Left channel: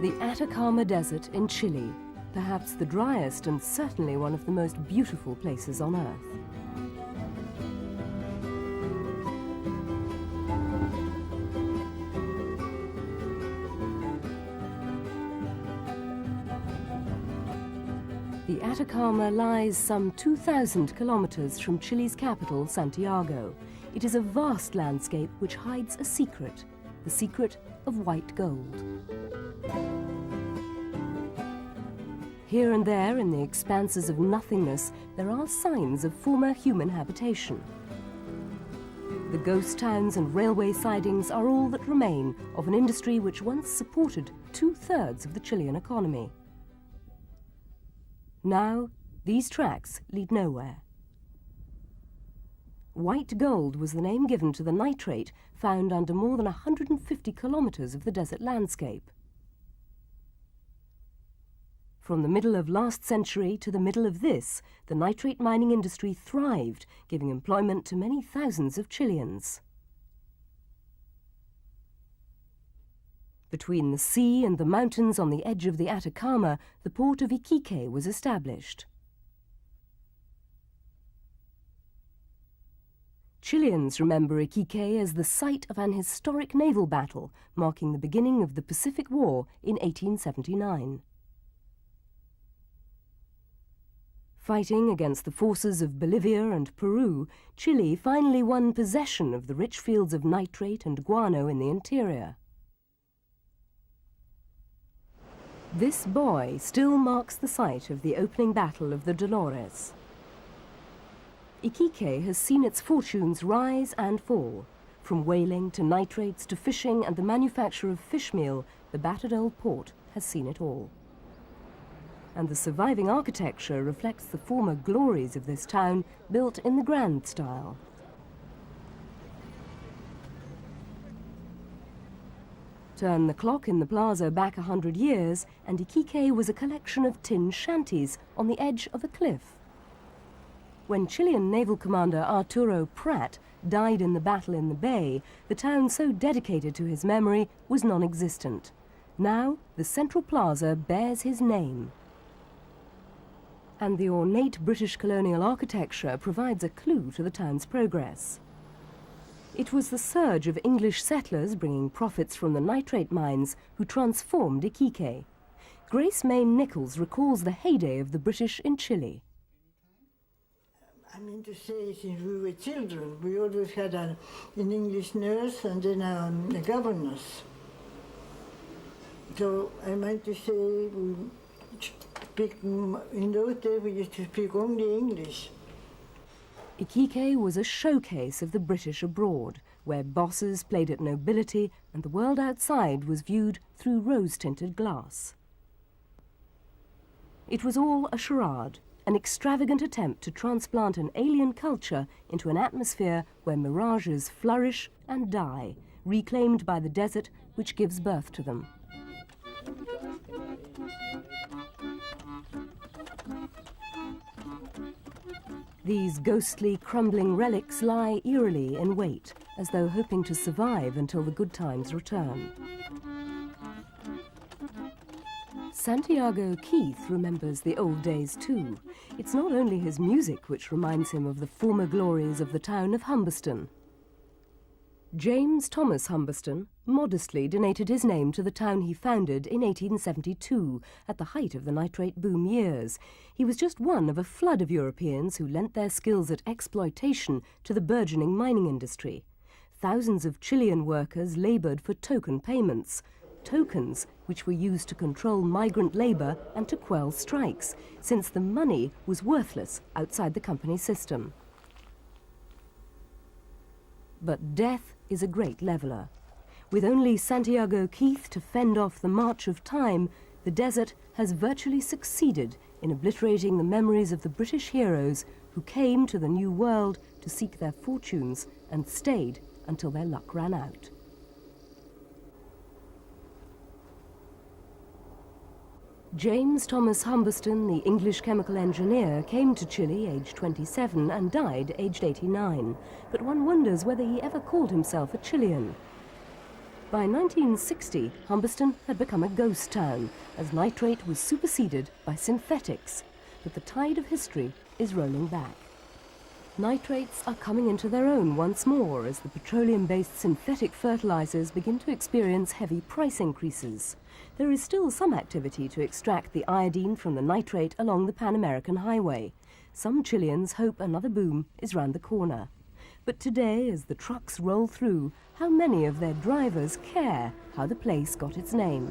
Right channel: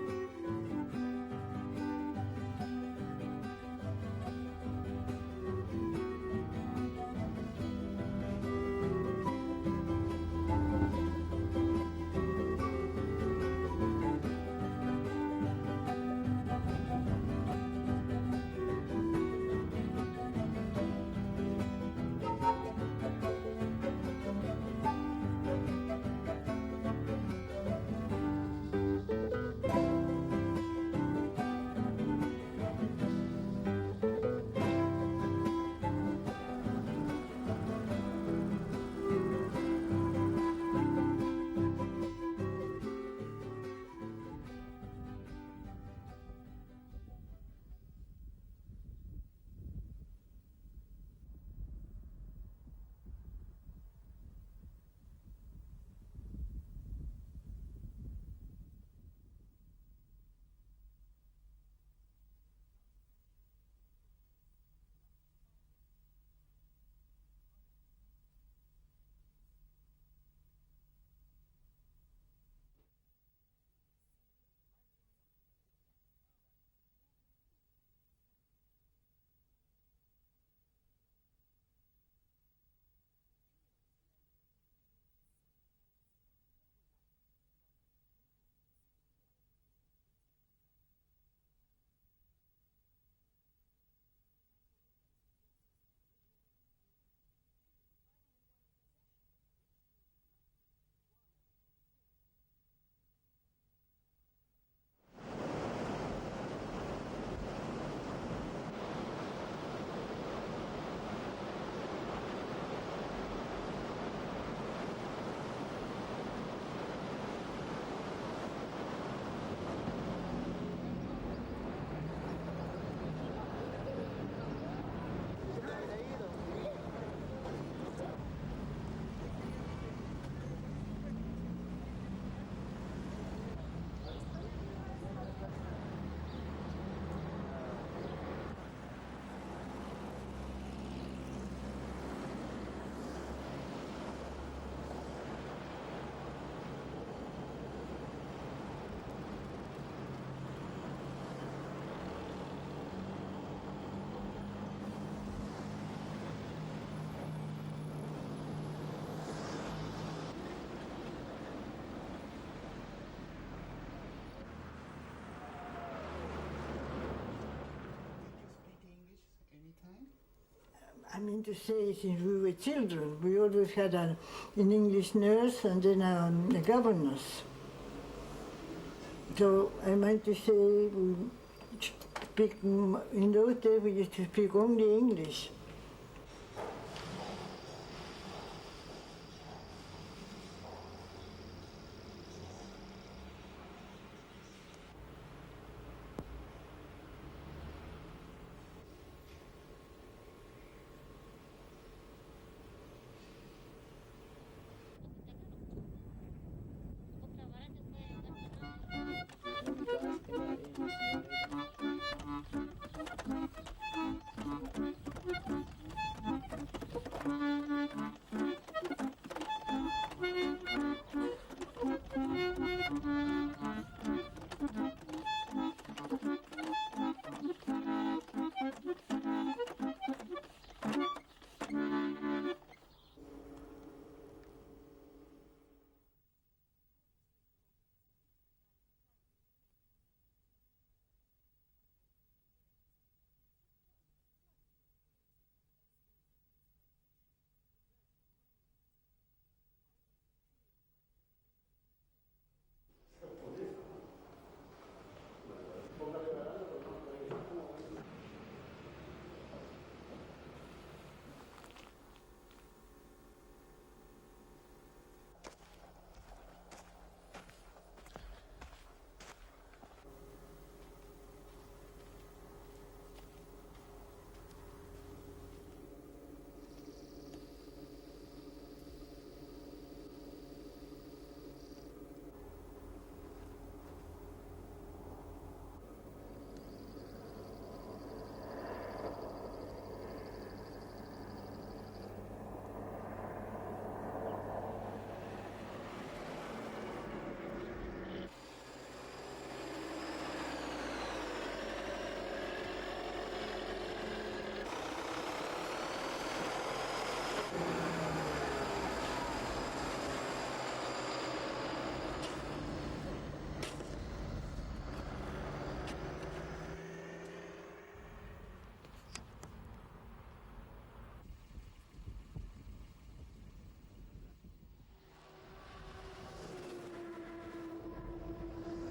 The Atacama Desert in Chile, perhaps the driest and certainly one of the most beautiful places on Earth. The Atacama lies some 2,000 kilometers from Chile's capital, Santiago. It is a vast landscape which hides a secret, the secret of white gold. Here and there, in the expanses of nothingness, there are signs of former human habitation. The ghost towns and railway sidings are all that remain of an industry which once supported 2/3 of the Chilean economy. Now, these tracks lead nowhere. White gold was the name given to the nitrate found under more than 150 kilometers of the desert landscape. From the middle of last century to the middle of this, the nitrate mining industry thrived, giving employment to many thousands of Chileans. Between the sea and the mountains on the edge of the Atacama, the port of Iquique was established. Chileans remember Iquique as the site of an historic naval battle, marking the beginning of the Pacific War in 1879. Fighting against the forces of Bolivia and Peru, Chile finally won possession of the rich fields of nitrate and guano in the interior. This buoy still marks the site of the opening battle of the Dolores. Iquique has seen its fortunes rise and fall. From whaling to nitrates to fishing and the manufacture of fish meal, the battered old port has seen it all. And the surviving architecture reflects the former glories of this town, built in the grand style. Turn the clock in the plaza back 100 years, and Iquique was a collection of tin shanties on the edge of a cliff. When Chilean naval commander Arturo Prat died in the battle in the bay, the town so dedicated to his memory was non-existent. Now, the central plaza bears his name. And the ornate British colonial architecture provides a clue to the town's progress. It was the surge of English settlers bringing profits from the nitrate mines who transformed Iquique. Grace MAYNE-NICHOLS recalls the heyday of the British in Chile. I mean to say, since we were children, we always had an English nurse and then a governess. So I meant to say, in those days we used to speak only English. Iquique was a showcase of the British abroad, where bosses played at nobility and the world outside was viewed through rose-tinted glass. It was all a charade, an extravagant attempt to transplant an alien culture into an atmosphere where mirages flourish and die, reclaimed by the desert which gives birth to them. These ghostly, crumbling relics lie eerily in wait, as though hoping to survive until the good times return. Santiago Keith remembers the old days too. It's not only his music which reminds him of the former glories of the town of Humberston. James Thomas Humberston modestly donated his name to the town he founded in 1872, at the height of the nitrate boom years. He was just one of a flood of Europeans who lent their skills at exploitation to the burgeoning mining industry. Thousands of Chilean workers laboured for token payments, tokens which were used to control migrant labour and to quell strikes, since the money was worthless outside the company system. But death is a great leveller. With only Santiago Keith to fend off the march of time, the desert has virtually succeeded in obliterating the memories of the British heroes who came to the New World to seek their fortunes and stayed until their luck ran out. James Thomas Humberston, the English chemical engineer, came to Chile aged 27 and died aged 89. But one wonders whether he ever called himself a Chilean. By 1960, Humberston had become a ghost town as nitrate was superseded by synthetics, but the tide of history is rolling back. Nitrates are coming into their own once more as the petroleum-based synthetic fertilizers begin to experience heavy price increases. There is still some activity to extract the iodine from the nitrate along the Pan-American Highway. Some Chileans hope another boom is round the corner. But today, as the trucks roll through, how many of their drivers care how the place got its name?